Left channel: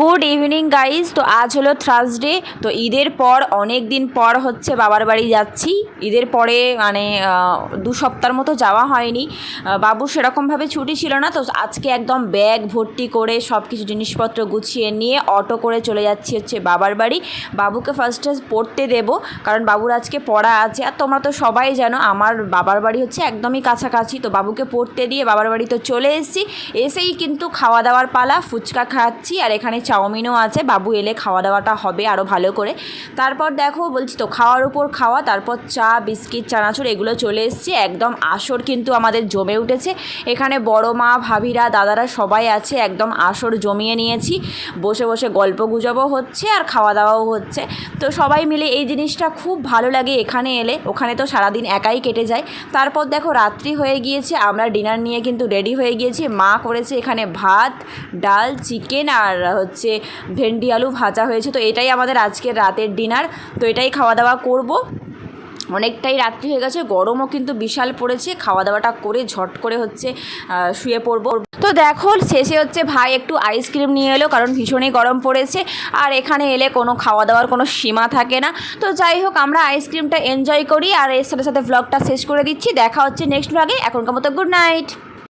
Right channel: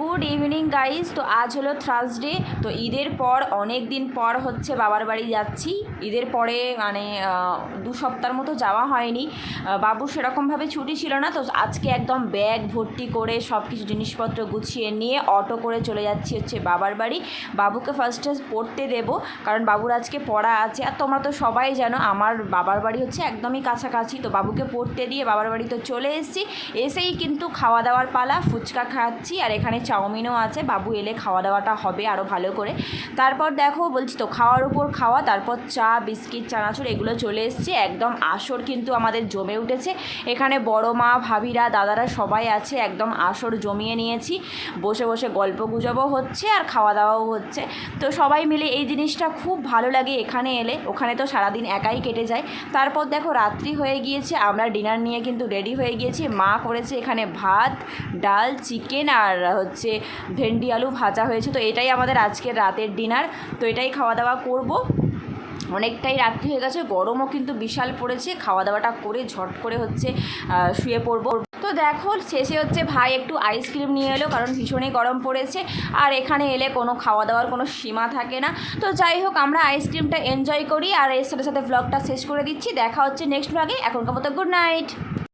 Good evening guys. তো আজ হলো থার্সডে। তো ঈদের পর অনেক দিন পর হচ্ছে বাবার বাড়ি যাচ্ছি। ঈদের পরে মানে 2 সপ্তাহের মতো যাওয়া হয়নি। বাবুর সেরকমভাবে ছুটি ছিল না, তো আজকে একদম ব্যাগ ভর্তি করে সব কিছু জিনিসপত্র গুছিয়ে নিয়ে অটো করে চলে যাচ্ছি হচ্ছে বাবার বাড়ি। বাবুকে ফার্স্টে পড়তে দেবো, কারণ বাবুর আজকে পড়া আছে। আর তোমরা তো সবাই জানো আমার বাবার বাড়ি হচ্ছে একদমই কাছাকাছি। তো বাবুকে পড়তে দিয়ে বাবার বাড়ি তো চলে এসেছি। এসেই কিন্তু খাওয়া দাওয়ার পালা। ফুচকা খাচ্ছি আর এখানে চাউমিনও আছে। বাবু এলে খাওয়া দাওয়াটা হবে আরও ভালো করে। তারপর দেখো বলছি তো খাওয়ার উপর খাওয়া, তারপর চা বিস্কিট চানাচুর এগুলো চলে এসছে। একদম আসর কিন্তু আমাদের জমে উঠেছে। এখানে বড় মা ভাবিরা দাদারা সবাই আছে, একদম আসর জমিয়ে নিয়েছি। বসে বসে গল্প গুজবও হচ্ছে আর খাওয়া দাওয়াও হচ্ছে। তো সবাই মিলে এই জিনিসটা খুব ভালো লাগে এখানে এলে। ওখানে তো সারাদিন একাই কেটে যায়। তারপর দেখো রাত্রি হয়ে গিয়েছে, আমরা ডিনার নিয়ে কিন্তু রেডি হয়ে গিয়েছি। মা করেছে এখানে ভাত, ডাল, চিকেন আর হচ্ছে ভেন্ডি আলু ভাজা হয়েছে। তো এটাই আমাদের আজকের রাতের ডিনার। তো এটাই খাওয়া দাওয়া করব। অনেকটাই রাত্রি হয়ে গেছে, গরমও কিন্তু বিশাল পড়েছে। খাওয়া দাওয়াটা করে ঝট করে হচ্ছে শুয়ে পড়বো। তো দেখো শেষে হচ্ছে ভাই একটু আইসক্রিম নিয়ে এলো, কারণ ভীষণই গরম পড়েছে। আর এখানে এলে কোনো খাওয়া দাওয়ার কোনো সীমা থাকে না। তো যাই হোক আমরা আইসক্রিমটা এনজয় করি আর এর সাথে সাথে ব্লগটা শেষ করে দিচ্ছি। দেখা হচ্ছে নেক্সট ব্লগে। এখনকার মতো গুড নাইট।